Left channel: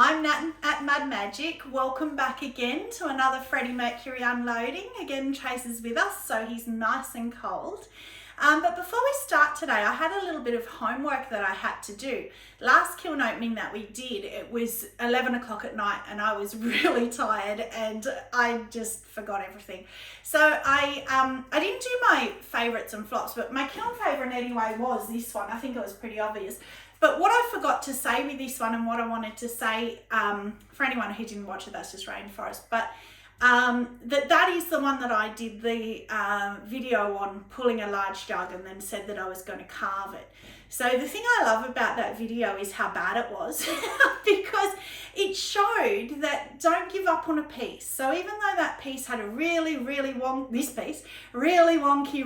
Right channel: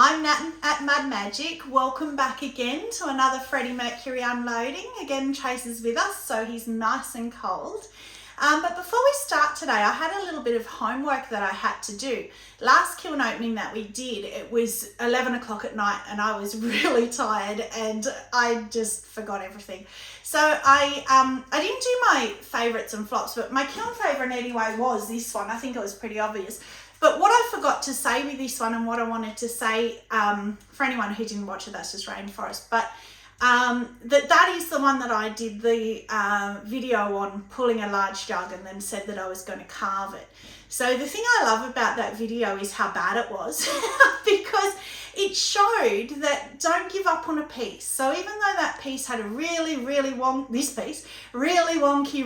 I'm Nat at Mad Magic. Welcome back again to another Freddie Mercury unloading. Again, Chase is with us, so he's nice and cold. But before we start today, I had a little bit of homework that I had to do. Last kiln opening that we did, it was 11 o'clock at night and I was really tired and I just forgot everything. So I didn't do my favourites and flops, but my kiln favourite anyway was this one. I think it was pretty obvious. But what I forgot to say with this one and what I wanted to say, for anyone who didn't watch it, that's just Rainforest, but that is the one that I did the video on, pulling a large jug, and then said that I was going to carve it. So the thing I love about that video is how bad it was because it showed that don't give up on a piece. So even though that piece had a really wonky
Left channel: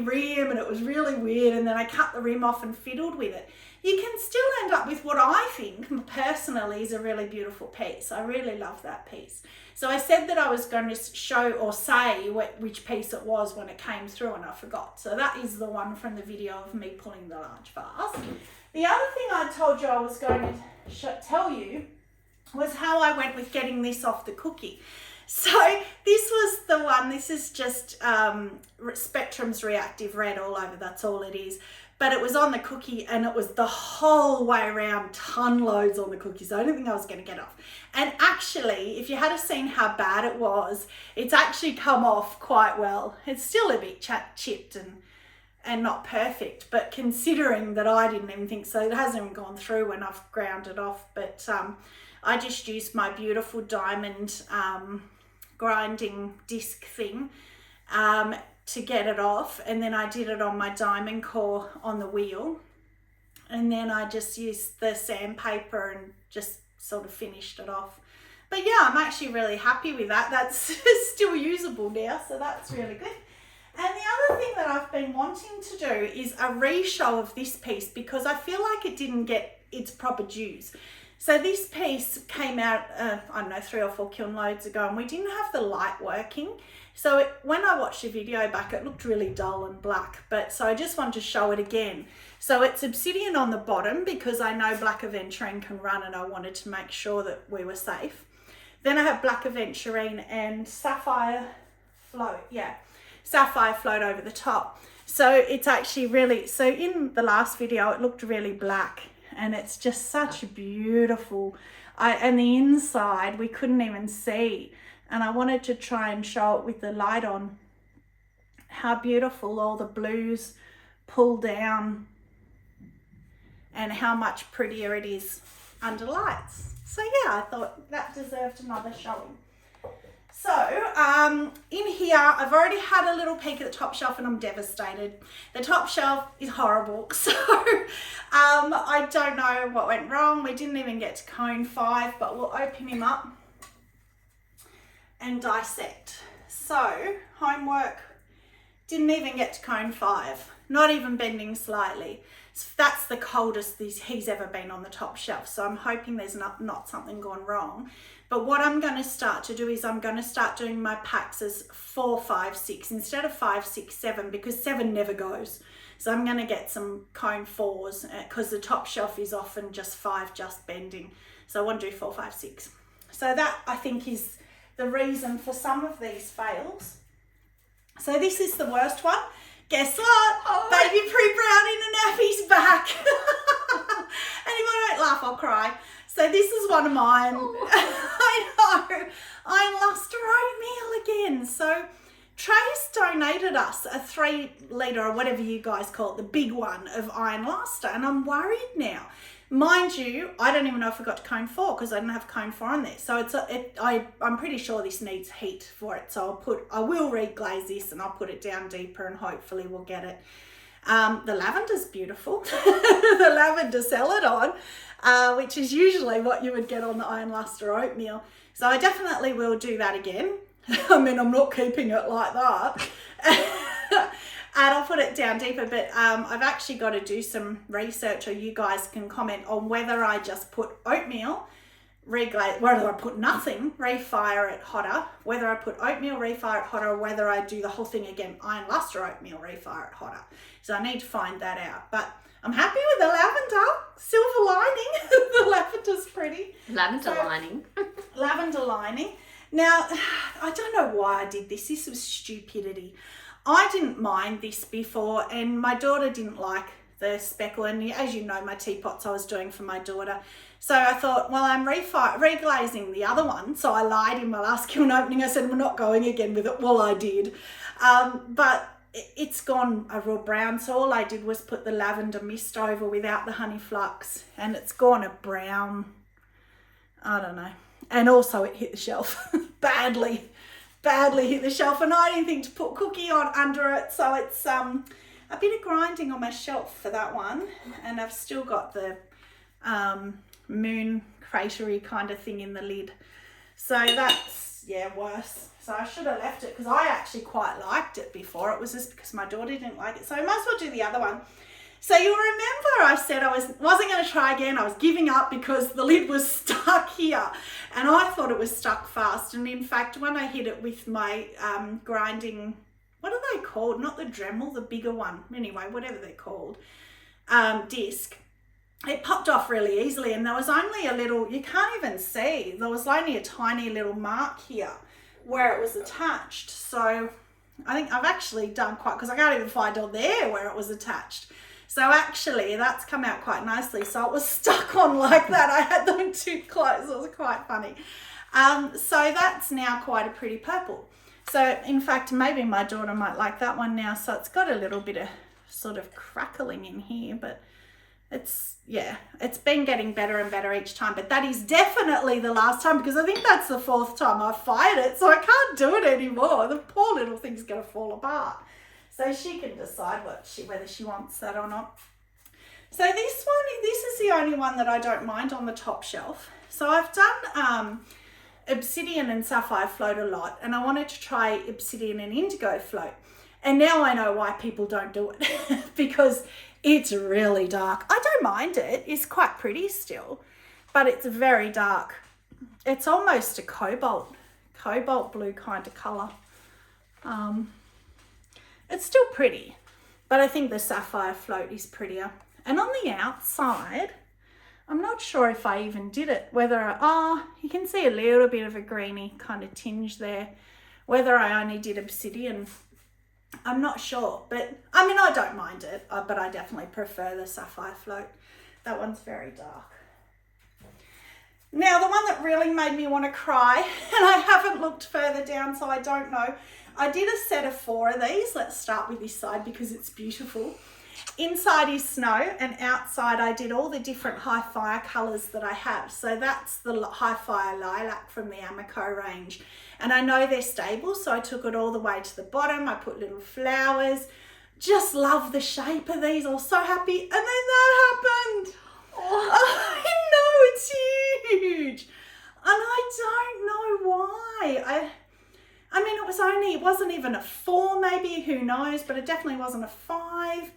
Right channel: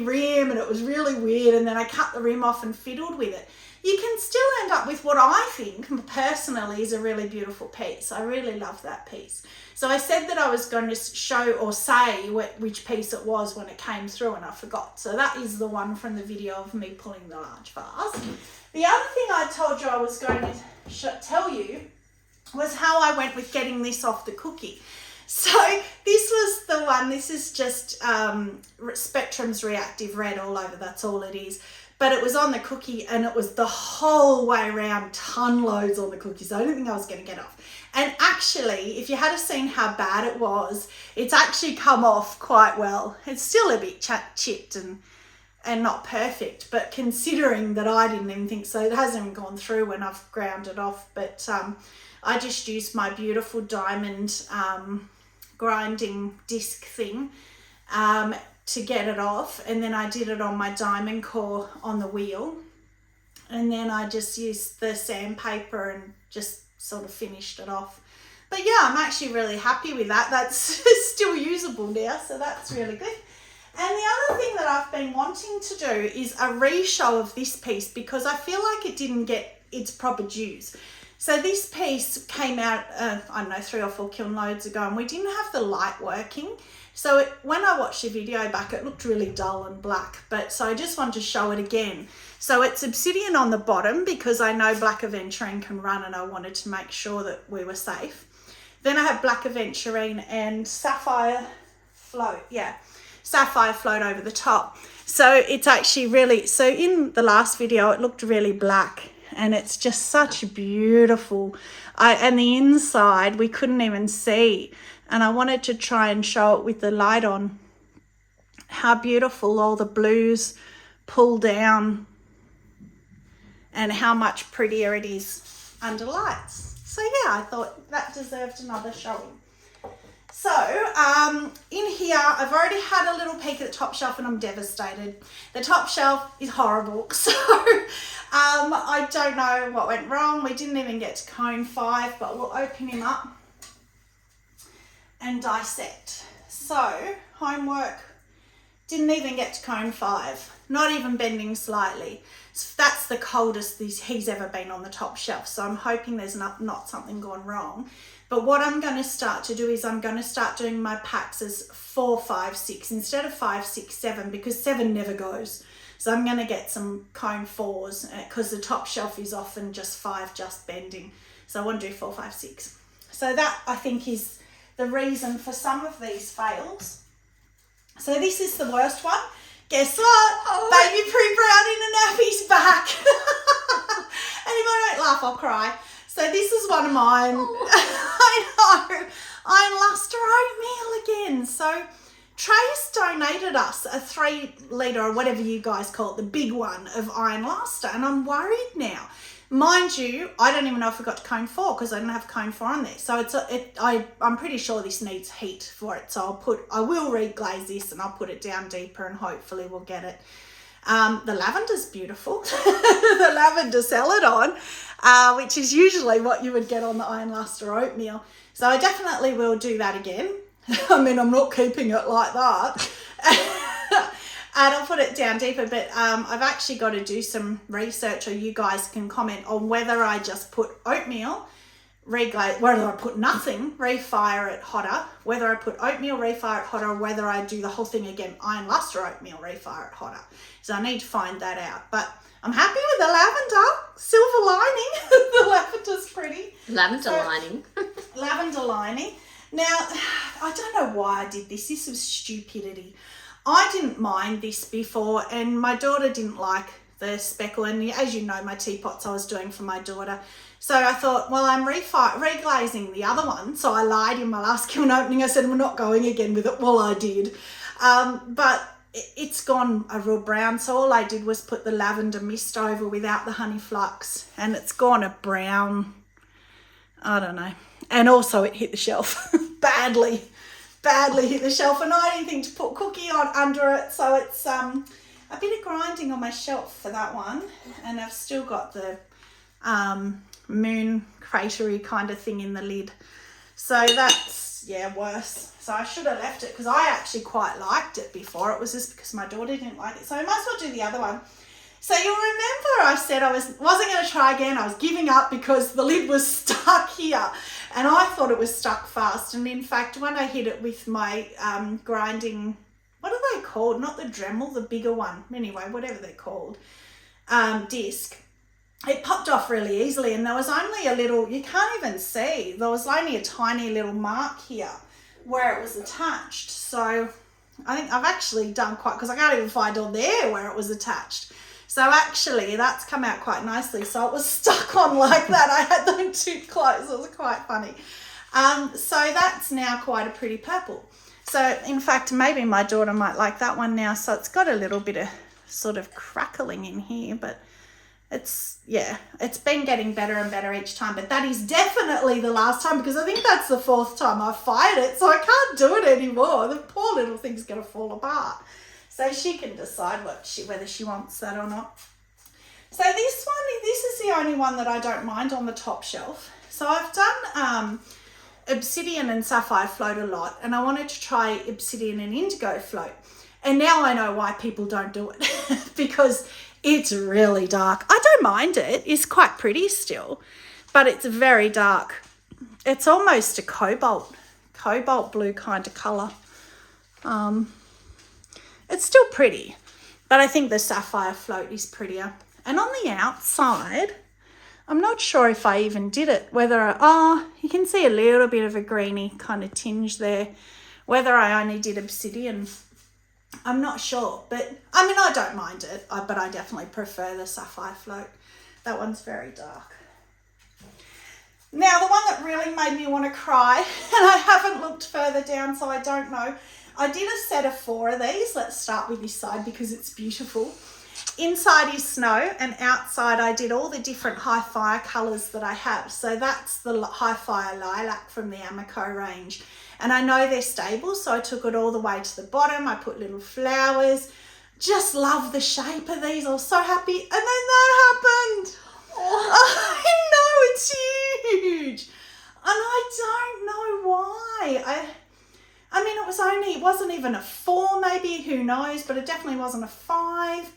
rim and it was really weird, and then I cut the rim off and fiddled with it, you can still end up with what I think personally is a really beautiful piece. I really love that piece. So I said that I was going to show or say which piece it was when it came through, and I forgot. So that is the one from the video of me pulling the large vase. The other thing I told you I was going to tell you was how I went with getting this off the cookie. So this was the one, this is just Spectrum's Reactive Red all over, that's all it is. But it was on the cookie and it was the whole way around, ton loads on the cookie. So I didn't think I was going to get off. And actually, if you had seen how bad it was, it's actually come off quite well. It's still a bit chipped and not perfect, but considering that I didn't even think so, it hasn't even gone through when I've ground it off. But I just used my beautiful diamond grinding disc thing to get it off, and then I did it on my diamond core on the wheel, and then I just used the sandpaper and just sort of finished it off. But yeah, I'm actually really happy with that. That's still usable now, so that's really good. And the other thing that I've been wanting to do is a re-show of this piece because I feel like it didn't get its proper dues. So this piece came out, I don't know, 3 or 4 kiln loads ago, and we didn't have the light working. So when I watched the video back, it looked really dull and black, but so I just wanted to show it again. So it's obsidian on the bottom because I know black aventurine can run and I wanted to make sure that we were safe. Then I have black aventurine and sapphire float, sapphire float over the top. So it's actually really, so in the last video, it looked really black and it's just such a beautiful, and the inside we couldn't even see. And I wanted to try and show it with the light on, how beautiful all the blues pull down and how much prettier it is under lights. So yeah, I thought that deserved another showing. So in here, I've already had a little peek at the top shelf and I'm devastated. The top shelf is horrible. So I don't know what went wrong. We didn't even get to cone 5, but we'll open him up and dissect. So homework, didn't even get to cone 5, not even bending slightly. So that's the coldest he's ever been on the top shelf. So I'm hoping there's not something gone wrong. But what I'm going to start to do is I'm going to start doing my packs as 4, 5, 6 instead of 5, 6, 7 because 7 never goes. So I'm going to get some cone 4s because the top shelf is often just 5 just bending. So I want to do 4, 5, 6. So that I think is the reason for some of these fails. So this is the worst one. Guess what? Oh, baby pre-brown in a nappy's back. And if I don't laugh, I'll cry. So this is one of mine. I know. Iron Luster oatmeal again. So Trace donated us a 3 litre or whatever you guys call it, the big one of Iron Luster, and I'm worried now. Mind you, I don't even know if I got to cone 4 because I didn't have cone 4 on there. So I'm pretty sure this needs heat for it. So I will reglaze this and I'll put it down deeper and hopefully we'll get it. The lavender's beautiful. The lavender celadon, which is usually what you would get on the Iron Luster oatmeal. So I definitely will do that again. I mean, I'm not keeping it like that. And I'll put it down deeper, but I've actually got to do some research, or you guys can comment on whether I just put oatmeal, reglaze, whether I put nothing, refire it hotter, whether I put oatmeal, refire it hotter, or whether I do the whole thing again, Iron Luster oatmeal, refire it hotter. So I need to find that out. But I'm happy with the lavender, silver lining. The lavender's pretty. Lavender lining. Lavender lining. Now, I don't know why I did this. This was stupidity. I didn't mind this before, and my daughter didn't like the speckle. And as you know, my teapots I was doing for my daughter. So I thought, well, I'm reglazing the other one. So I lied in my last kiln opening. I said, we're not going again with it. Well, I did. But it's gone a real brown. So all I did was put the lavender mist over without the honey flux. And it's gone a brown, I don't know. And also it hit the shelf badly hit the shelf. And I didn't think to put cookie on under it. So it's a bit of grinding on my shelf for that one. And I've still got the moon cratery kind of thing in the lid. So that's, yeah, worse. So I should have left it because I actually quite liked it before. It was just because my daughter didn't like it. So I might as well do the other one. So you'll remember I said I wasn't going to try again. I was giving up because the lid was stuck here. And I thought it was stuck fast. And in fact, when I hit it with my grinding, what are they called? Not the Dremel, the bigger one. Anyway, whatever they're called, disc. It popped off really easily. And there was only a little, you can't even see. There was only a tiny little mark here where it was attached. So I think I've actually done quite, because I can't even find on there where it was attached. So actually that's come out quite nicely. So it was stuck on like that. I had them too close. It was quite funny. So that's now quite a pretty purple. So in fact, maybe my daughter might like that one now. So it's got a little bit of sort of crackling in here, but it's, yeah, it's been getting better and better each time. But that is definitely the last time, because I think that's the 4th time I fired it. So I can't do it anymore. The poor little thing's going to fall apart. So she can decide whether she wants that or not. So this is the only one that I don't mind on the top shelf. So I've done obsidian and sapphire float a lot, and I wanted to try obsidian and indigo float. And now I know why people don't do it because it's really dark. I don't mind it. It's quite pretty still, but it's very dark. It's almost a cobalt blue kind of colour. It's still pretty, but I think the sapphire float is prettier. And on the outside, I'm not sure if I even did it, you can see a little bit of a greeny kind of tinge there. Whether I only did obsidian, I'm not sure, but I mean, I don't mind it, but I definitely prefer the sapphire float. That one's very dark. Now, the one that really made me want to cry, and I haven't looked further down, so I don't know. I did a set of 4 of these. Let's start with this side because it's beautiful. Inside is snow, and outside I did all the different high fire colours that I have. So that's the high fire lilac from the Amaco range. And I know they're stable, so I took it all the way to the bottom. I put little flowers. Just love the shape of these. I was so happy. And then that happened. Oh, I know, it's huge. And I don't know why. I mean, it wasn't even a 4 maybe, who knows, but it definitely wasn't a 5.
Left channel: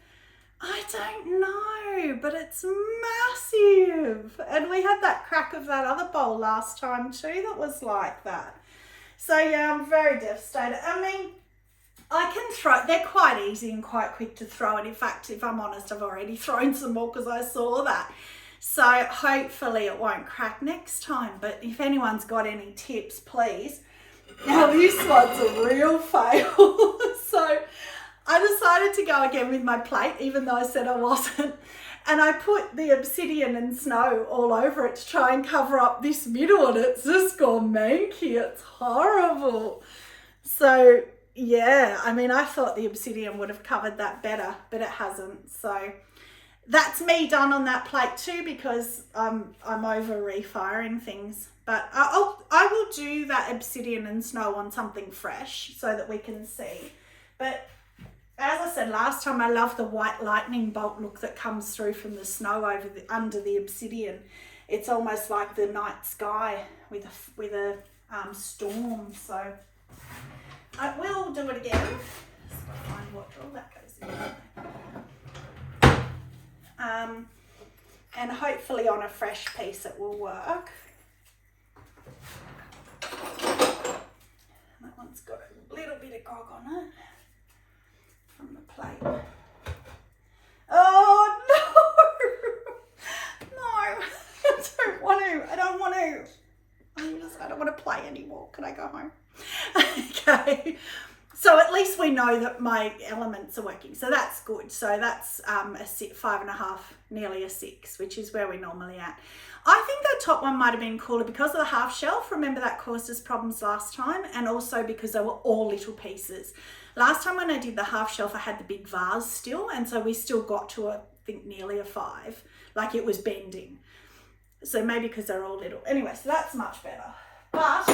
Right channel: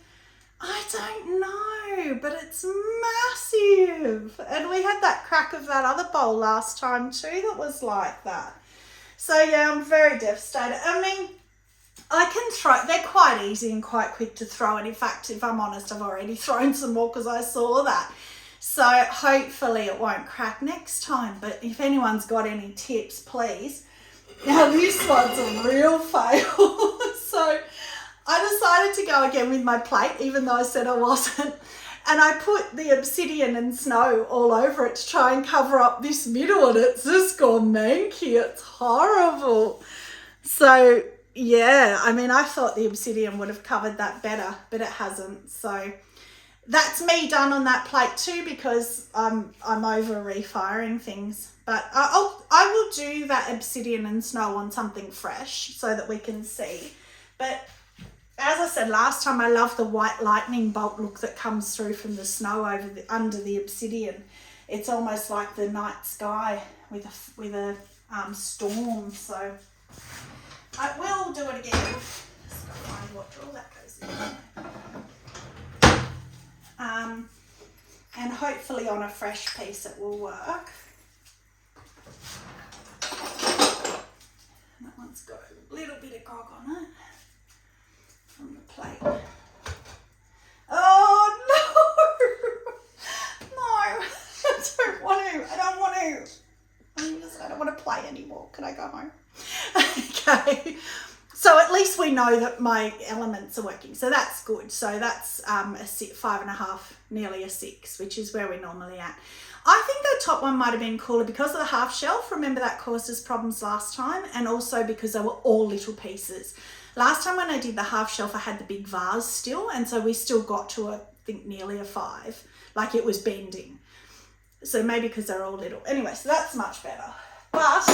I don't know, but it's massive. And we had that crack of that other bowl last time too that was like that. So yeah, I'm very devastated. I mean, I can throw, they're quite easy and quite quick to throw. And in fact, if I'm honest, I've already thrown some more because I saw that. So hopefully it won't crack next time. But if anyone's got any tips, please. Now this one's a real fail. So I decided to go again with my plate, even though I said I wasn't. And I put the obsidian and snow all over it to try and cover up this middle, and it's just gone manky. It's horrible. So yeah, I mean, I thought the obsidian would have covered that better, but it hasn't. So that's me done on that plate too, because I'm over refiring things. But I will do that obsidian and snow on something fresh so that we can see. But as I said last time, I love the white lightning bolt look that comes through from the snow under the obsidian. It's almost like the night sky with a storm. So I will do it again. Let's find what all that goes in. And hopefully on a fresh piece it will work. That one's got a little bit of grog on it from the plate. Oh no! No, I don't want to. I don't want to play anymore. Can I go home? Okay. So at least we know that my elements are working. So that's good. So that's a 5.5, nearly a 6, which is where we're normally at. I think that top one might have been cooler because of the half shelf. Remember that caused us problems last time, and also because they were all little pieces. Last time when I did the half shelf, I had the big vase still, and so we still got to, I think, nearly a 5. Like it was bending. So maybe because they're all little. Anyway, so that's much better. But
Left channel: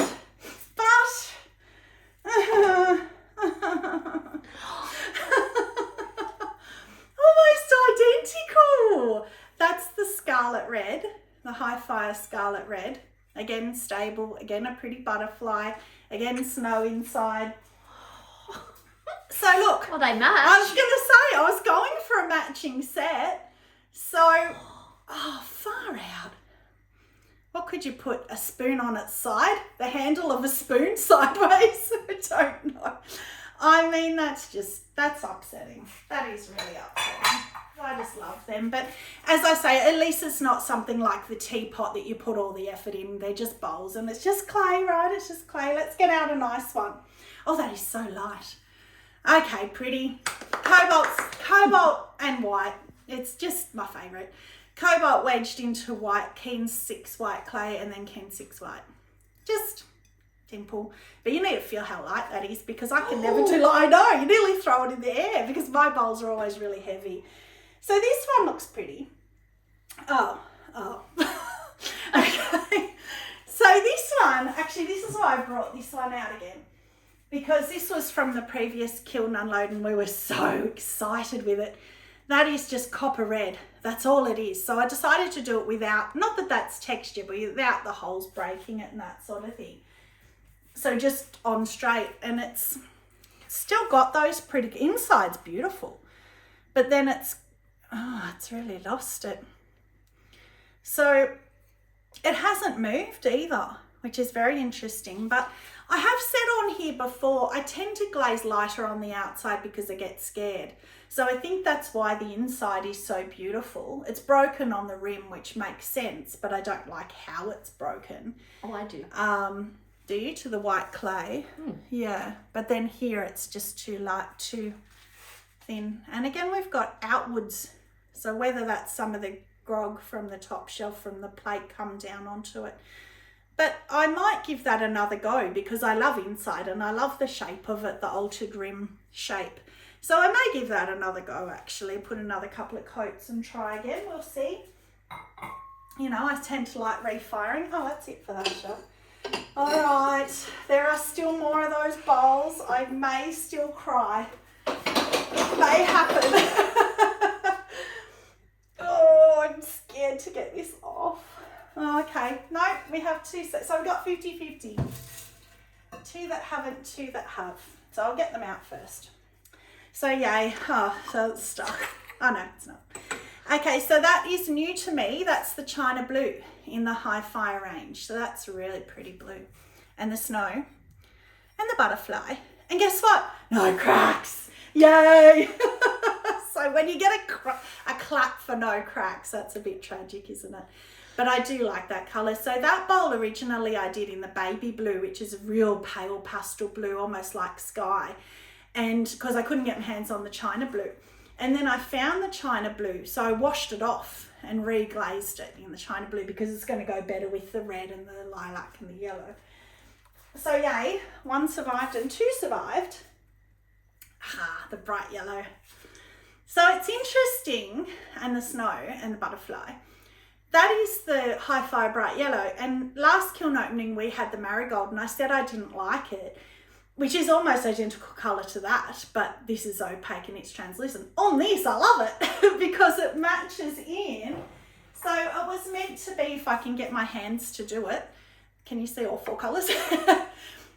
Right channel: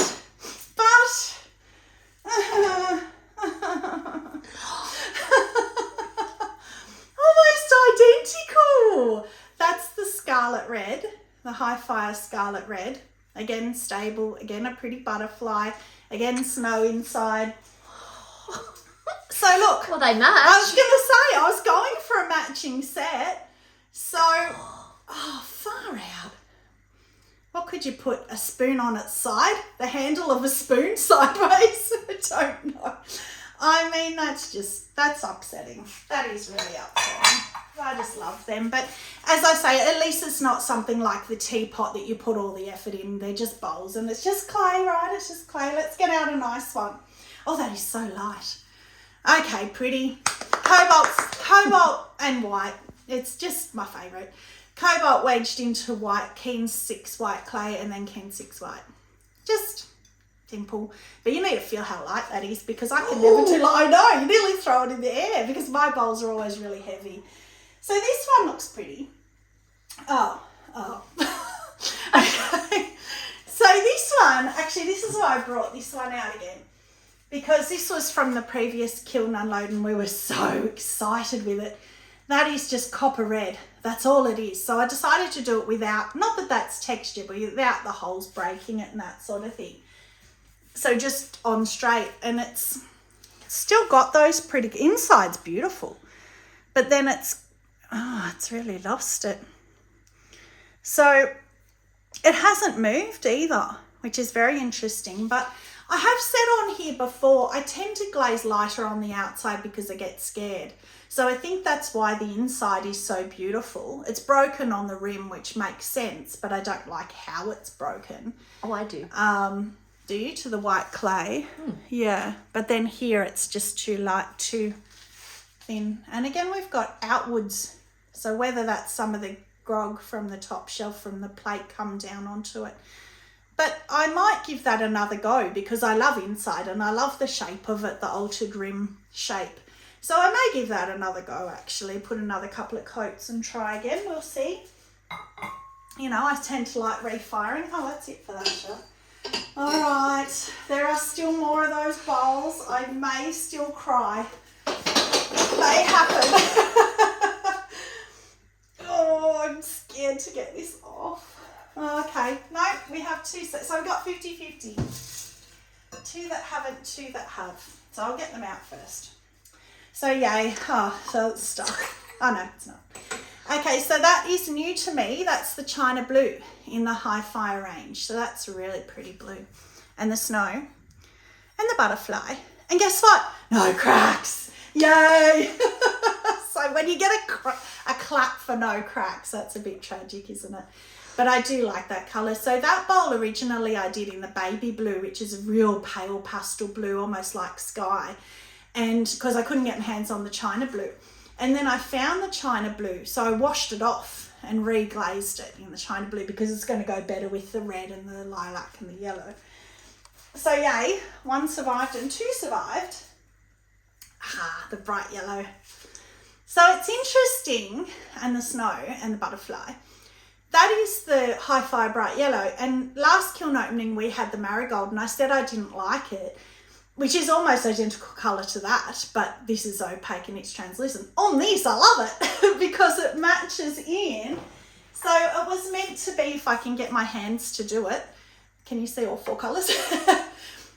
almost identical. That's the scarlet red, the High Fire scarlet red. Again, stable. Again, a pretty butterfly. Again, snow inside. So look. Well, they match. I was going to say, I was going for a matching set. So, oh, far out. What could you put? A spoon on its side? The handle of a spoon sideways? I don't know. I mean, that's upsetting. That is really upsetting. I just love them. But as I say, at least it's not something like the teapot that you put all the effort in. They're just bowls and it's just clay, right? It's just clay. Let's get out a nice one. Oh, that is so light. Okay, pretty. Cobalt and white. It's just my favourite. Cobalt wedged into white, Keen 6 white clay, and then Keen 6 white. Just simple. But you need to feel how light that is, because I can never do I know, you nearly throw it in the air because my bowls are always really heavy. So this one looks pretty. Oh. Okay. So this one, actually this is why I brought this one out again, because this was from the previous kiln unload and we were so excited with it. That is just copper red. That's all it is. So I decided to do it without, not that that's texture, but without the holes breaking it and that sort of thing. So just on straight, and it's still got those pretty, inside's beautiful, but then it's really lost it. So it hasn't moved either, which is very interesting. But I have said on here before, I tend to glaze lighter on the outside because I get scared. So I think that's why the inside is so beautiful. It's broken on the rim, which makes sense, but I don't like how it's broken. Oh, I do. Do you? To the white clay? Yeah, but then here it's just too light, too thin. And again, we've got outwards. So whether that's some of the grog from the top shelf from the plate come down onto it. But I might give that another go because I love inside and I love the shape of it, the altered rim shape. So I may give that another go actually, put another couple of coats and try again, we'll see. You know, I tend to like refiring. Oh, that's it for that shot. All right, there are still more of those bowls. I may still cry. It may happen. Oh, I'm scared to get this off. Oh, okay, no, we have 2 sets. So we've got 50-50. 2 that haven't, 2 that have. So I'll get them out first. So yay, so it's stuck. Oh no, it's not. Okay, so that is new to me. That's the China Blue in the High Fire range. So that's really pretty blue. And the snow and the butterfly. And guess what? No cracks. Yay. So when you get a clap for no cracks, that's a bit tragic, isn't it? But I do like that colour. So that bowl originally I did in the baby blue, which is a real pale pastel blue, almost like sky. And because I couldn't get my hands on the China Blue. And then I found the China Blue, so I washed it off and reglazed it in the China Blue because it's going to go better with the red and the lilac and the yellow. So yay, 1 survived and 2 survived. The bright yellow. So it's interesting, and the snow and the butterfly. That is the High Fire bright yellow. And last kiln opening we had the marigold and I said I didn't like it, which is almost identical colour to that, but this is opaque and it's translucent. On this, I love it because it matches in. So it was meant to be, if I can get my hands to do it, can you see all 4 colours?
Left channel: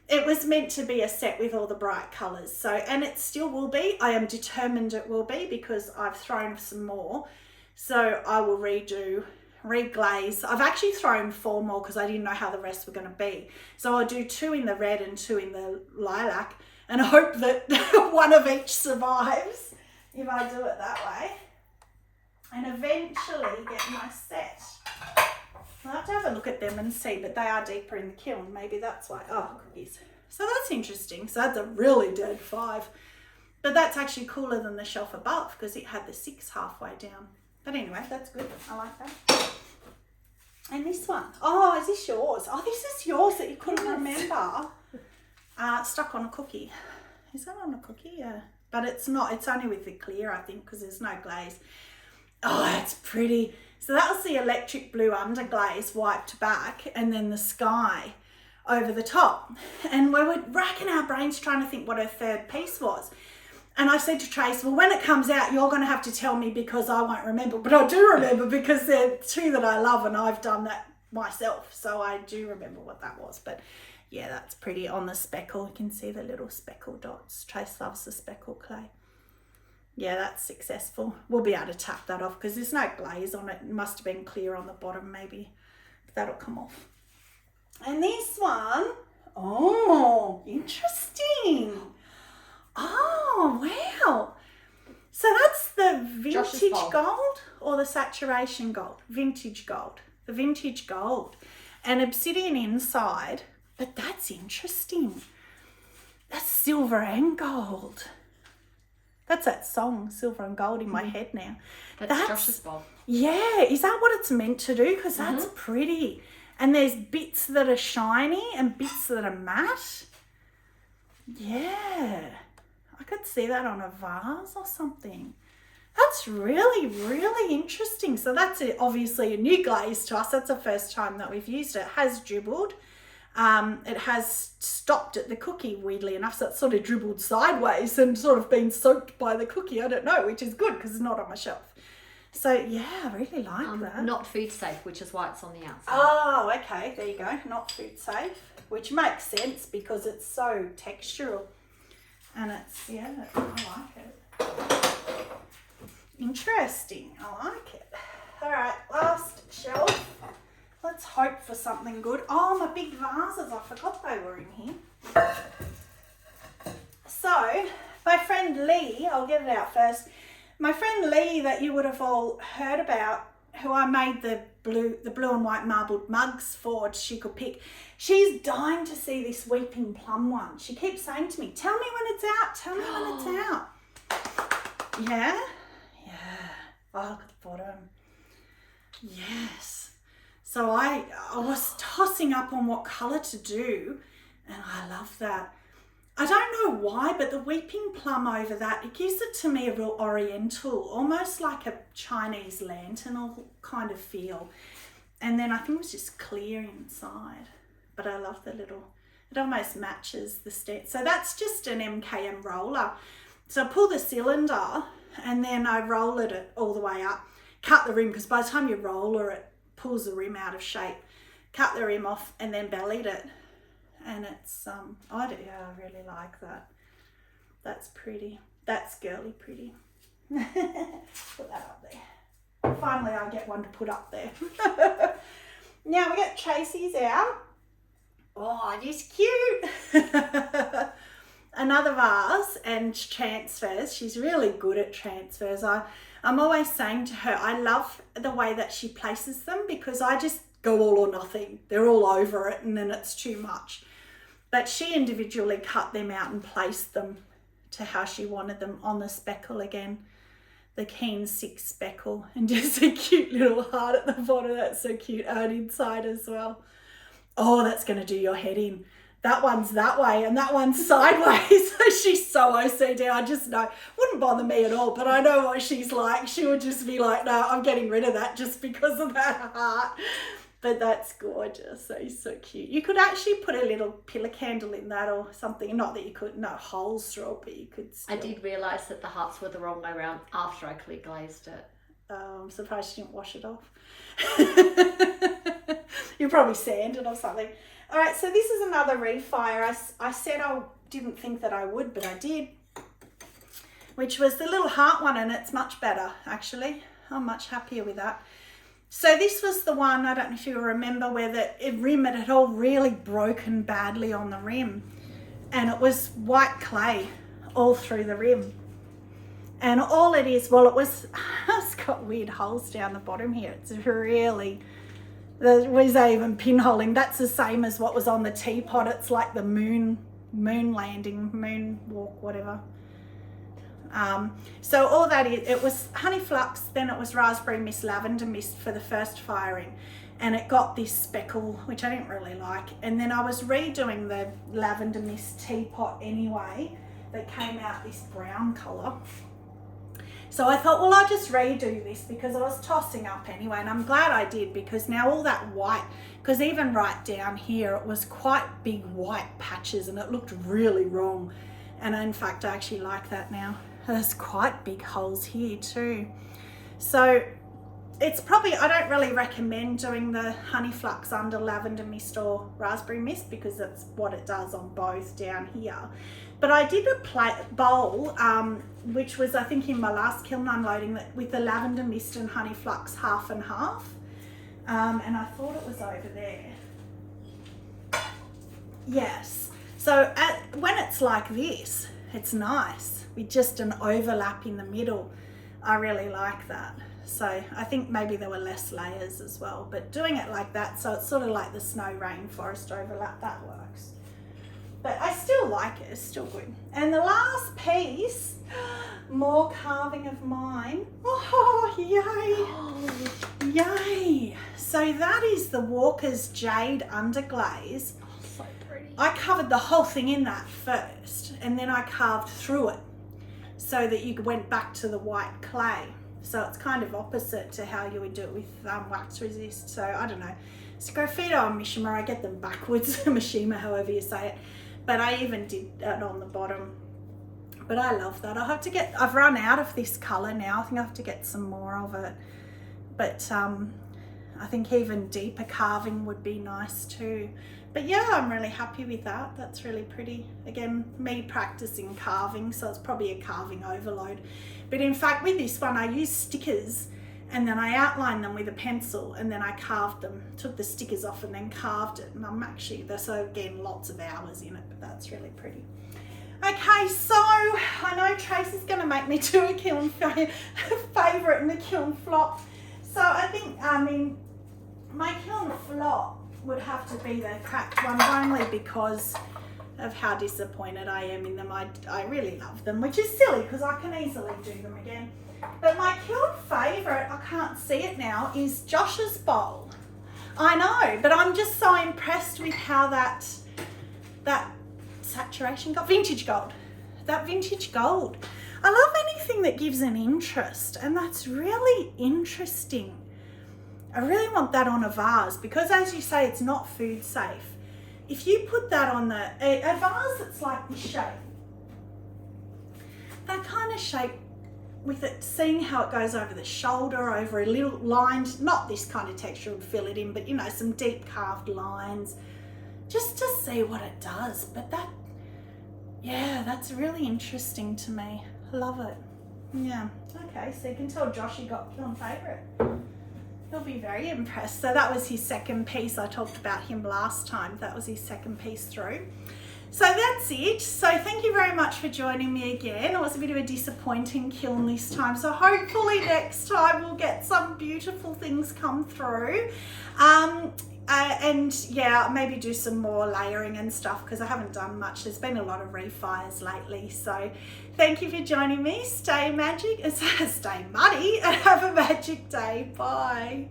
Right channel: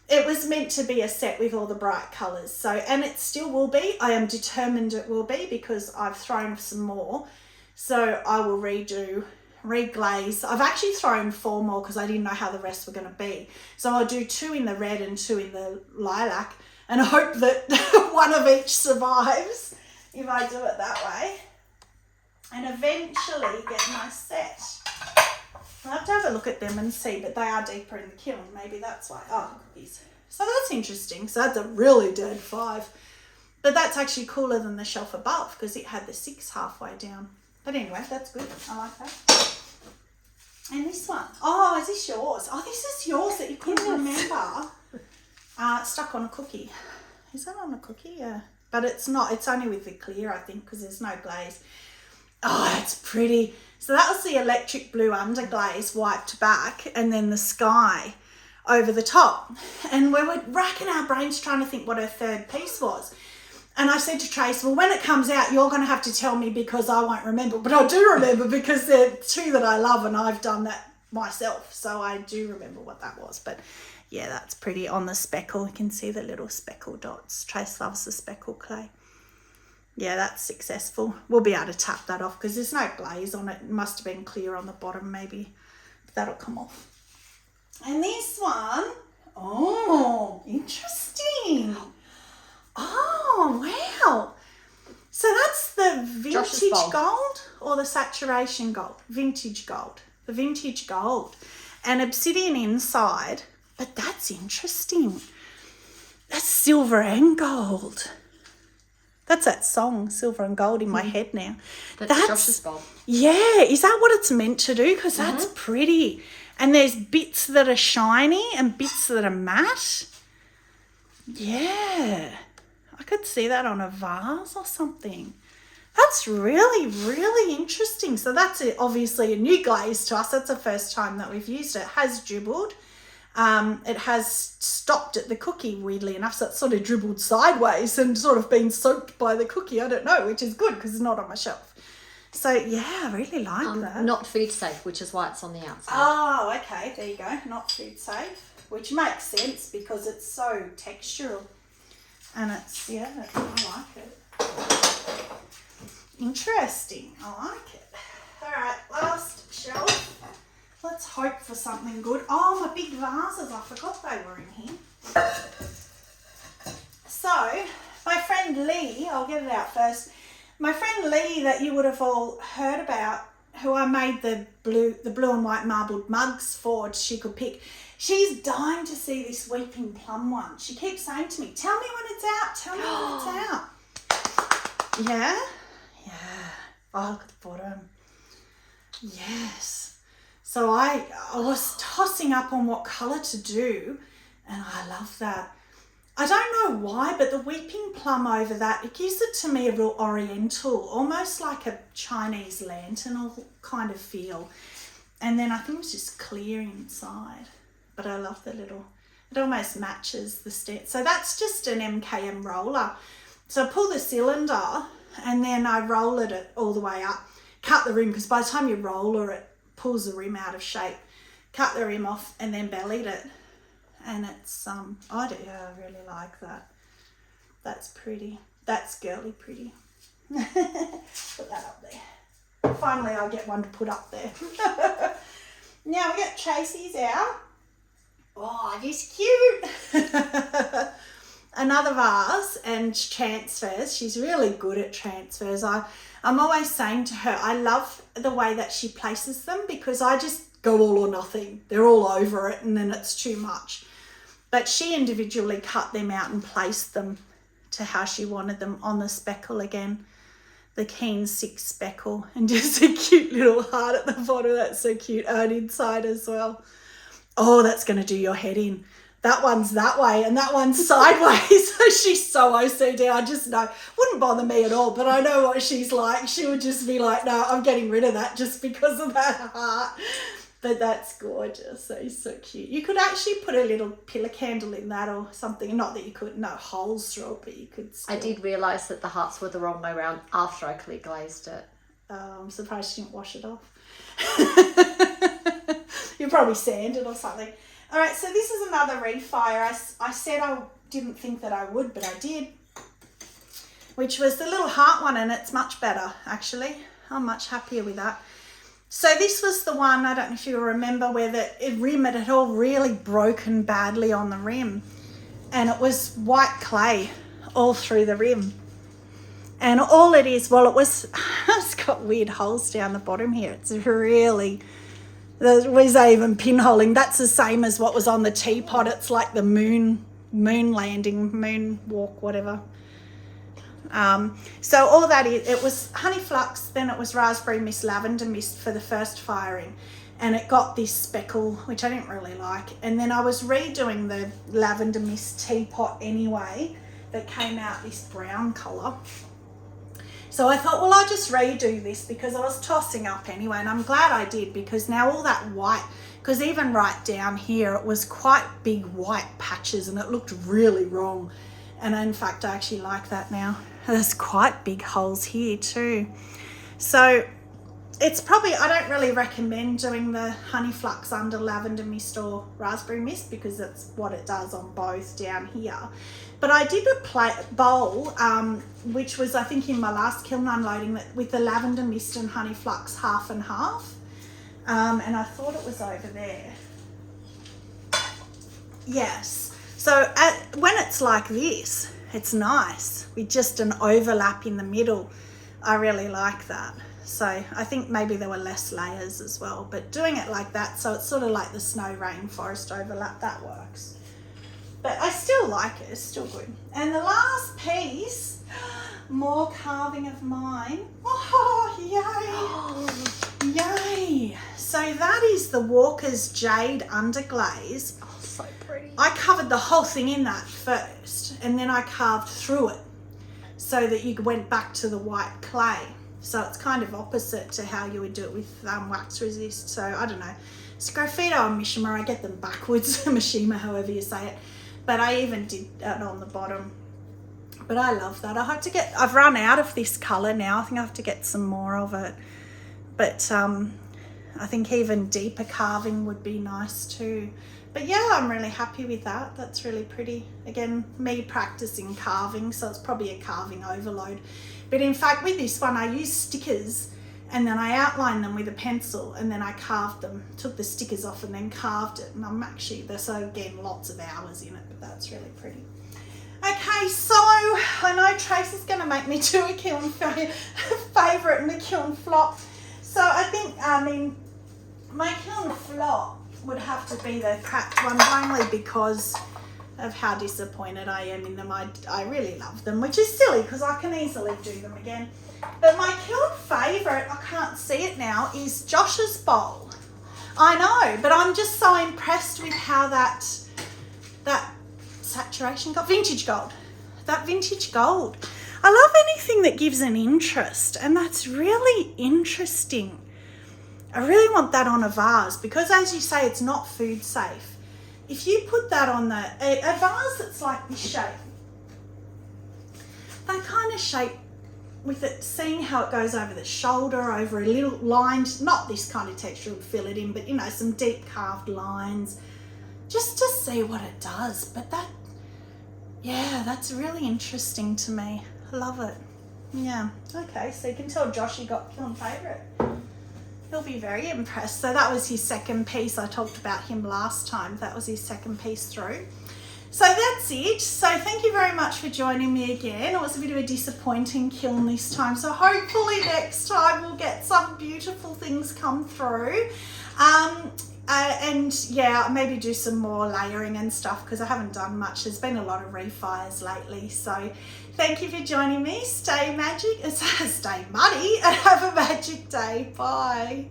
It was meant to be a set with all the bright colours. So, and it still will be. I am determined it will be because I've thrown some more. So I will reglaze. I've actually thrown 4 more because I didn't know how the rest were going to be. So I'll do 2 in the red and 2 in the lilac and hope that one of each survives if I do it that way. And eventually get my set. I have to have have a look at them and see, but they are deeper in the kiln. Maybe that's why. Oh, cookies. So that's interesting. So that's a really dead 5. But that's actually cooler than the shelf above because it had the 6 halfway down. But anyway, that's good. I like that. And this one. Oh, is this yours? Oh, this is yours that you couldn't remember. Stuck on a cookie. Is that on a cookie? Yeah. But it's not. It's only with the clear, I think, because there's no glaze. Oh, it's pretty. So that was the electric blue underglaze wiped back, and then the sky over the top. And we were racking our brains trying to think what her third piece was. And I said to Trace, well, when it comes out, you're going to have to tell me because I won't remember. But I do remember because they're 2 that I love and I've done that myself. So I do remember what that was. But yeah, that's pretty on the speckle. You can see the little speckle dots. Trace loves the speckle clay. Yeah, that's successful. We'll be able to tap that off because there's no glaze on it. It must have been clear on the bottom maybe. That'll come off. And this one, oh, interesting. Oh, wow. So that's the vintage gold or the saturation gold? Vintage gold. The vintage gold. And obsidian inside. But that's interesting. That's silver and gold. That's that song, Silver and Gold, in my head now. That's Josh's bulb. Yeah. Is that what it's meant to do? Because that's pretty. And there's bits that are shiny and bits that are matte. Yeah. I could see that on a vase or something. That's really, really interesting. So that's obviously a new glaze to us. That's the first time that we've used it. It has dribbled. It has stopped at the cookie, weirdly enough. So it's sort of dribbled sideways and sort of been soaked by the cookie. I don't know, which is good because it's not on my shelf. So, yeah, I really like that. Not food safe, which is why it's on the outside. Oh, okay. There you go. Not food safe, which makes sense because it's so textural. And it's, yeah, I like it. Interesting. I like it. All right, last shelf. Let's hope for something good. Oh, my big vases. I forgot they were in here. So, my friend Lee, I'll get it out first. My friend Lee that you would have all heard about, who I made the blue and white marbled mugs for, she could pick. She's dying to see this Weeping Plum one. She keeps saying to me, tell me when it's out, tell me when it's out. Yeah? Yeah. Oh, look at the bottom. Yes. So I was tossing up on what colour to do, and I love that. I don't know why, but the Weeping Plum over that, it gives it to me a real oriental, almost like a Chinese lantern kind of feel. And then I think it was just clear inside. But I love the little, it almost matches the stent. So that's just an MKM roller. So I pull the cylinder and then I roll it all the way up, cut the rim, because by the time you roller it pulls the rim out of shape, cut the rim off and then bellied it. And it's, I really like that. That's pretty. That's girly pretty. Put that up there. Finally I get one to put up there. Now we got Tracy's out. Oh, he's cute. Another vase and transfers. She's really good at transfers. I'm always saying to her, I love the way that she places them because I just go all or nothing. They're all over it and then it's too much. But she individually cut them out and placed them to how she wanted them on the speckle again. The Keen 6 speckle and just a cute little heart at the bottom. That's so cute. And inside as well. Oh, that's going to do your head in. That one's that way and that one's sideways. So she's so OCD. I just know. Wouldn't bother me at all, but I know what she's like. She would just be like, no, I'm getting rid of that just because of that heart. But that's gorgeous. So cute. You could actually put a little pillar candle in that or something. Not that you could, no holes through it, but you could still. I did realise that the hearts were the wrong way around after I clear glazed it. I'm surprised you didn't wash it off. You probably sanded or something. All right, so this is another refire. I said I didn't think that I would, but I did. Which was the little heart one, and it's much better, actually. I'm much happier with that. So this was the one, I don't know if you remember, where the rim, it had all really broken badly on the rim. And it was white clay all through the rim. And all it is, well, it's got weird holes down the bottom here. It's really Was that even pinholing? That's the same as what was on the teapot. It's like the moon landing, moon walk, whatever. So all that is, it was honey flux, then it was raspberry mist, lavender mist for the first firing, and it got this speckle, which I didn't really like. And then I was redoing the lavender mist teapot anyway, that came out this brown colour. So I thought, well, I'll just redo this because I was tossing up anyway, and I'm glad I did, because now all that white, because even right down here, it was quite big white patches and it looked really wrong. And in fact, I actually like that now. There's quite big holes here too. So it's probably, I don't really recommend doing the honey flux under lavender mist or raspberry mist, because that's what it does on both down here. But I did a bowl, which was I think in my last kiln unloading, with the lavender mist and honey flux half and half. And I thought it was over there. Yes. So when it's like this, it's nice with just an overlap in the middle. I really like that. So I think maybe there were less layers as well, but doing it like that, so it's sort of like the snow rainforest overlap, that works. But I still like it, it's still good. And the last piece, more carving of mine. Oh, yay. Yay. So that is the Walker's Jade Underglaze. Oh, so pretty. I covered the whole thing in that first, and then I carved through it so that you went back to the white clay. So it's kind of opposite to how you would do it with wax resist. So I don't know. It's graffito and Mishima. I get them backwards, Mishima, however you say it. But I even did that on the bottom. But I love that. I've run out of this colour now. I think I have to get some more of it. But I think even deeper carving would be nice too. But yeah, I'm really happy with that. That's really pretty. Again, me practicing carving, so it's probably a carving overload. But in fact, with this one, I used stickers and then I outlined them with a pencil and then I carved them, took the stickers off and then carved it. And I'm actually, so again, lots of hours in it, but that's really pretty. Okay, so I know Tracy's going to make me do a kiln favourite and a kiln flop. So I think, my kiln flop would have to be the cracked ones, only because of how disappointed I am in them. I really love them, which is silly because I can easily do them again. But my kiln favourite, I can't see it now, is Josh's bowl. I know, but I'm just so impressed with how that saturation gold, vintage gold, that vintage gold. I love anything that gives an interest, and that's really interesting. I really want that on a vase because, as you say, it's not food safe. If you put that on a vase that's like this shape, that kind of shape with it, seeing how it goes over the shoulder, over a little lined, not this kind of texture would fill it in, but you know, some deep carved lines, just to see what it does. But that, yeah, that's really interesting to me. I love it. Yeah, okay, so you can tell Joshy got kiln favourite. He'll be very impressed. So that was his second piece. I talked about him last time. That was his second piece through. So that's it. So thank you very much for joining me again. It was a bit of a disappointing kiln this time. So hopefully next time we'll get some beautiful things come through. And yeah, maybe do some more layering and stuff because I haven't done much. There's been a lot of refires lately. So thank you for joining me. Stay magic, stay muddy, and have a magic day. Bye.